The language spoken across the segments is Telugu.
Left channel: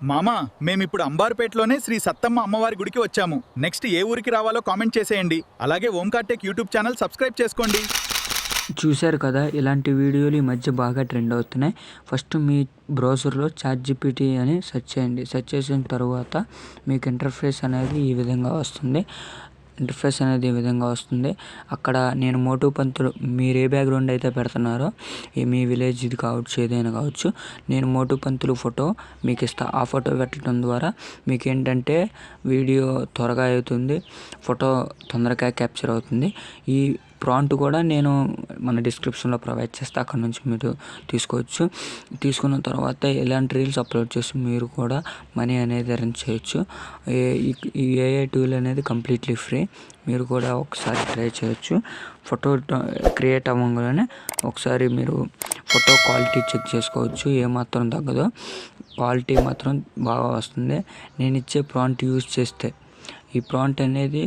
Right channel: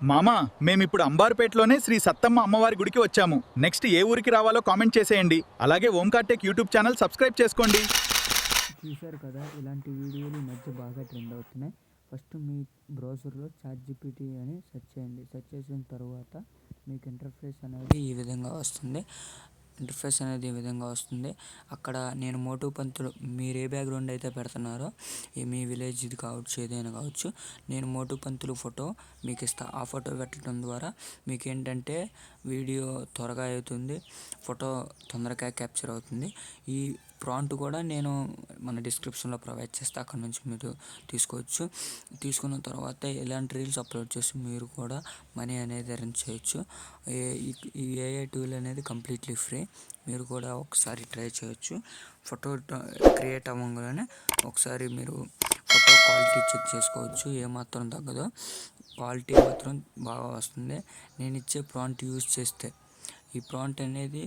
మామా మేమిప్పుడు అంబార్పేటలోనే శ్రీ సత్తమ్మ అమ్మవారి గుడికి వచ్చాము. నెక్స్ట్ ఏ ఊరికి రావాలో కామెంట్ చేసేయండి. అలాగే Omkar tech YouTube channel subscribe చేసుకోండి. చూశారు కదా, ఇలాంటి వీడియోలు ఈ మధ్య బాగా ట్రెండ్ అవుతున్నాయి. ఫస్ట్ మీ బ్రౌజర్లో ChatGPT అని సెర్చ్ చేయండి. సెర్చ్ చేసిన తర్వాత మీకు ఇంటర్ఫేస్ అనేది ఈ విధంగా వస్తుంది. అక్కడ నేను మోటు పంతులు, మీరు ఏ బ్యాక్గ్రౌండ్ అయితే పెడుతున్నారో మీ విలేజ్ ఇది కావచ్చు, ఏదైనా కావచ్చు, నేను మోటు పంతులు ఫోటో మీకు ఇస్తా. ఆ ఫోటో పెట్టడం ద్వారా మీకు ఏంటంటే వీడియో త్వరగా అవుతుంది, ఫోటో తొందరగా క్యాప్చర్ అవుతుంది. ఈ ప్రాంప్ట్ కూడా నేను మన డిస్క్రిప్షన్లో ప్రొవైడ్ చేస్తే అక్కడ నుంచి మీరు తీసుకోవచ్చు. తీసుకున్న తర్వాత ఇలాంటి రీల్స్ అప్లోడ్ చేసి మీరు కూడా మనీ అనేది ఎర్న్ చేయొచ్చు. ఈ AI టూల్ అనేది కంప్లీట్లీ ఫ్రీ. మీరు కూడా ఒకసారి ట్రై చేయొచ్చు. ఫోటో క్రియేట్ అవ్వగానే ఒకసారి మీరు ఫోటో క్వాలిటీ చెక్ చేసుకోవచ్చు. ఏమాత్రం తగ్గదో క్వాలిటీ మాత్రం బాగా వస్తుంది. నేను ఇచ్చే ప్రాంప్ట్ యూజ్ చేస్తే ఈ ప్రాంప్ట్ అనేది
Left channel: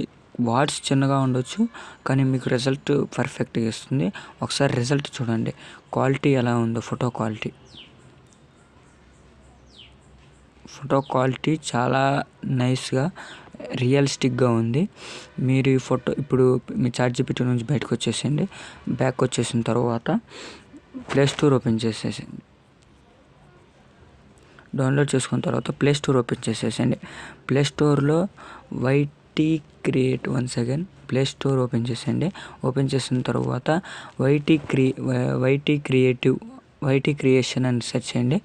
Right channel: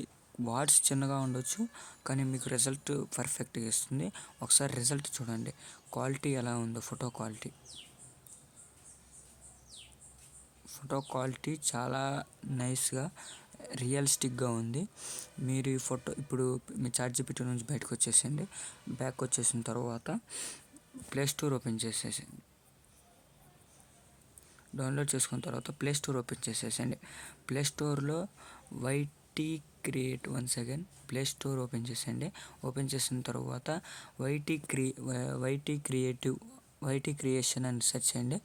వర్డ్స్ చిన్నగా ఉండొచ్చు, కానీ మీకు రిజల్ట్ పర్ఫెక్ట్గా ఇస్తుంది. ఒకసారి రిజల్ట్ చూడండి, క్వాలిటీ ఎలా ఉందో. ఫోటో క్వాలిటీ చాలా నైస్గా రియలిస్టిక్గా ఉంది. మీరు ఈ ఫోటో ఇప్పుడు మీ ChatGPT నుంచి బయటకు వచ్చేసేయండి. బ్యాక్ వచ్చేసిన తర్వాత ప్లే స్టోర్ ఓపెన్ చేసేసేయండి. డౌన్లోడ్ చేసుకున్న తర్వాత ప్లే స్టోర్ ఓపెన్ చేసేసేయండి. ప్లే స్టోర్లో వైటీ చేసిన తర్వాత వైటీ క్రియేషన్ అని సెర్చ్ చేయండి.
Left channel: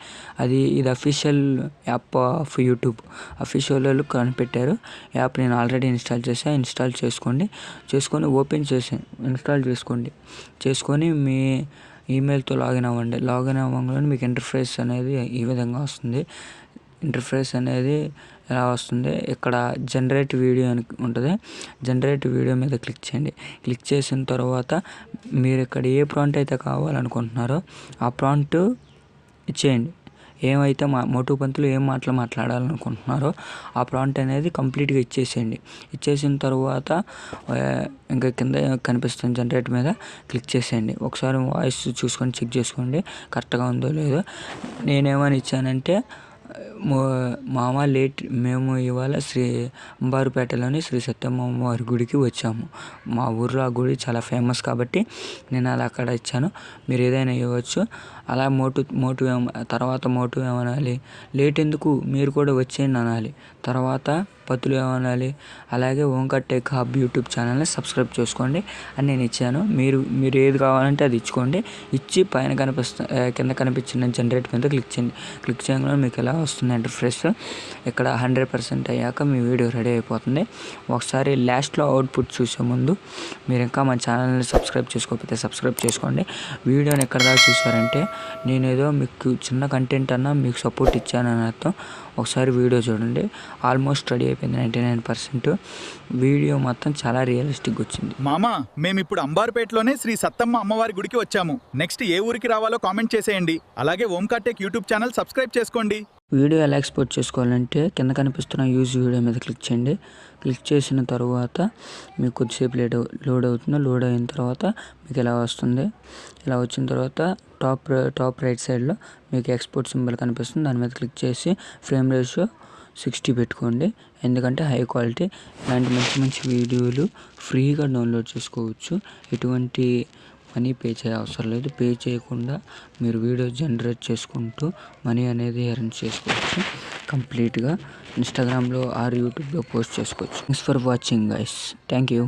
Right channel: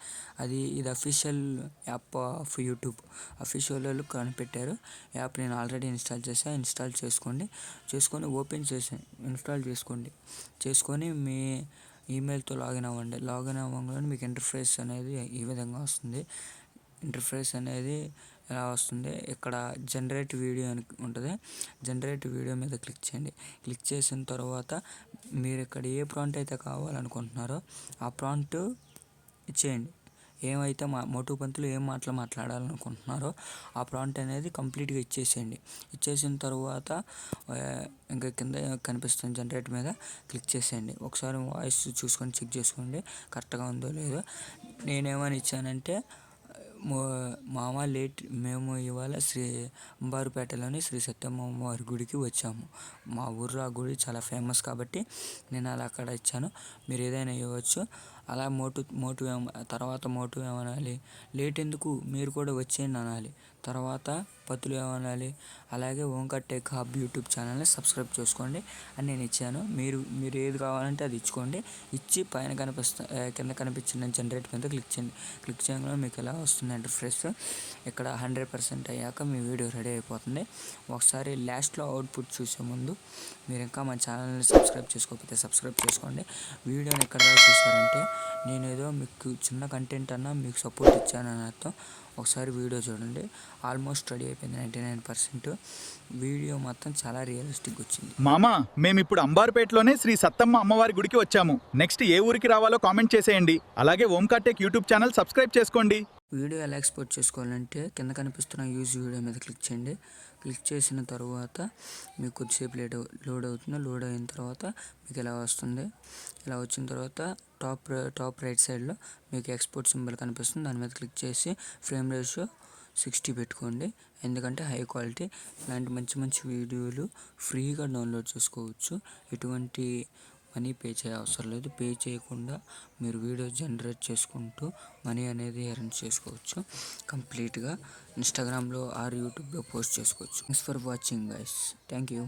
ఇది official app off YouTube. Official వాళ్ళు కనిపెట్టారు యాప్. నేను ఆల్రెడీ ఇన్స్టాల్ చేసుకొని ఇన్స్టాల్ చేసుకొని మీ ఈమెయిల్తో లాగిన్ అవ్వండి. లాగిన్ అవ్వగానే మీకు ఇంటర్ఫేస్ అనేది ఈ విధంగా వస్తుంది. ఎలా వస్తుంది, ఇక్కడ జనరేట్ వీడియో అని ఉంటుంది. జనరేట్ వీడియో మీద క్లిక్ చేయండి. క్లిక్ చేసిన తర్వాత మీరు ఇక్కడ ఏ ప్రాంప్ట్ అయితే కావాలనుకుంటున్నారో ఆ ప్రాంప్ట్ ఇచ్చేయండి. ఏమైతే మోటు పంతులు ఏం మాట్లాడాలనుకుంటున్నారో ఆ ప్రాంప్ట్ అనేది కంప్లీట్గా ఇచ్చేసేయండి. ఇచ్చేసిన తర్వాత ఇంకా కింద కనిపిస్తుంది జనరేట్ మీద క్లిక్ చేసేయండి. ఒకసారి వాయిస్ చూసుకొని చెక్ చేసుకోండి కరెక్ట్గా ఉందో లేదో. నేనేమని ఇచ్చానంటే, మామ మేము ఇవాళ అంబారుపేటలోని శ్రీ సత్తమ్మ అమ్మవారి గుడికి వచ్చాము. మా ఊర్లో ఆ గుడి చాలా ఫేమస్ కాబట్టి నేను అలా అక్కడ ఇచ్చాను. మీరు ఏదైనా ఇవ్వచ్చు. అలా తర్వాత మోటు ఏమనాలి, లేట్ ఎందుకు మీరు కూడా వచ్చేయండి అనాలి. తర్వాత పతులు ఏమనాలి, అలాగే ఓంకార్ టెక్ హబ్ యూట్యూబ్ ఛానల్ని సబ్స్క్రైబ్ చేసుకోండి అని నేను ఇచ్చాను. మీరు ఏది కావాలంటే అది ఇచ్చుకోండి. ఇచ్చి పైన కింద కనిపించిన జనరేట్ మీద క్లిక్ చేయండి. క్లిక్ చేయగానే మీకు ఎలా వస్తుంది ఇంటర్ఫేస్. ఇక్కడ 100% అయ్యాక మీ వీడియో రెడీ అయిపోతుంది. ఒకసారి లాస్ట్లో అవుట్పుట్ చూసే ముందు మీరు ఇంకా మా ఛానల్ని సబ్స్క్రైబ్ చేసుకోకపోతే సబ్స్క్రైబ్ చేసుకోండి. వీడియోని ఎక్కడ దాకా చూసారంటే నేనేదో మీకు చిన్న కంటెంట్ అన్నా మీకు సపోర్ట్ ఇచ్చానని అర్థం. ఒకసారి వీడియో చూడండి. ఆల్మోస్ట్ రెడీ అయిపోయింది 99%. వీడియో మొత్తం చాలా రియలిస్టిక్గా వచ్చింది. మామా మేమిప్పుడు అంబార్పేటలోనే శ్రీ సత్తమ్మ అమ్మవారి గుడికి వచ్చాము. నెక్స్ట్ ఏ ఊరికి రావాలో కామెంట్ చేసేయండి. అలాగే Omkar tech YouTube channel subscribe చేసుకోండి. వీడియో ఎలా ఎక్స్పోర్ట్ చేసుకోవాలంటే కింద కనిపిస్తున్న యూజ్ వీడియో మీద క్లిక్ చేయండి. క్లిక్ చేసిన తర్వాత మీకు కొద్దిసేపు లోడ్ అవుతుంది. లోడ్ అయిన తర్వాత మీకు ఇలా వస్తుంది. ఇలా వచ్చిన తర్వాత టాప్ రైట్ సైడ్లో మీకు ఎక్స్పోర్ట్ సింబల్ కనిపిస్తుంది. దాని మీద క్లిక్ చేసి ఫ్రేమ్ రేషియో 60 పెట్టుకోండి. ఎందుకంటే హై క్వాలిటీ ఇలాంటి మంచి వీడియోలు ఫ్రీగా డౌన్లోడ్ చేసుకోవచ్చు. ఎటువంటి మనీ పే చేయ అవసరం లేదు. పే చేయకుండా మీరు వీడియో జనరేట్ చేసుకుంటూ మనీ అనేది ఎర్న్ చేసుకోవచ్చు. కంప్లీట్గా ఇన్స్టాగ్రామ్లో ఆర్ యూట్యూబ్లో పోస్ట్ చేసుకోవచ్చు. Thanks for watching guys. Thank you.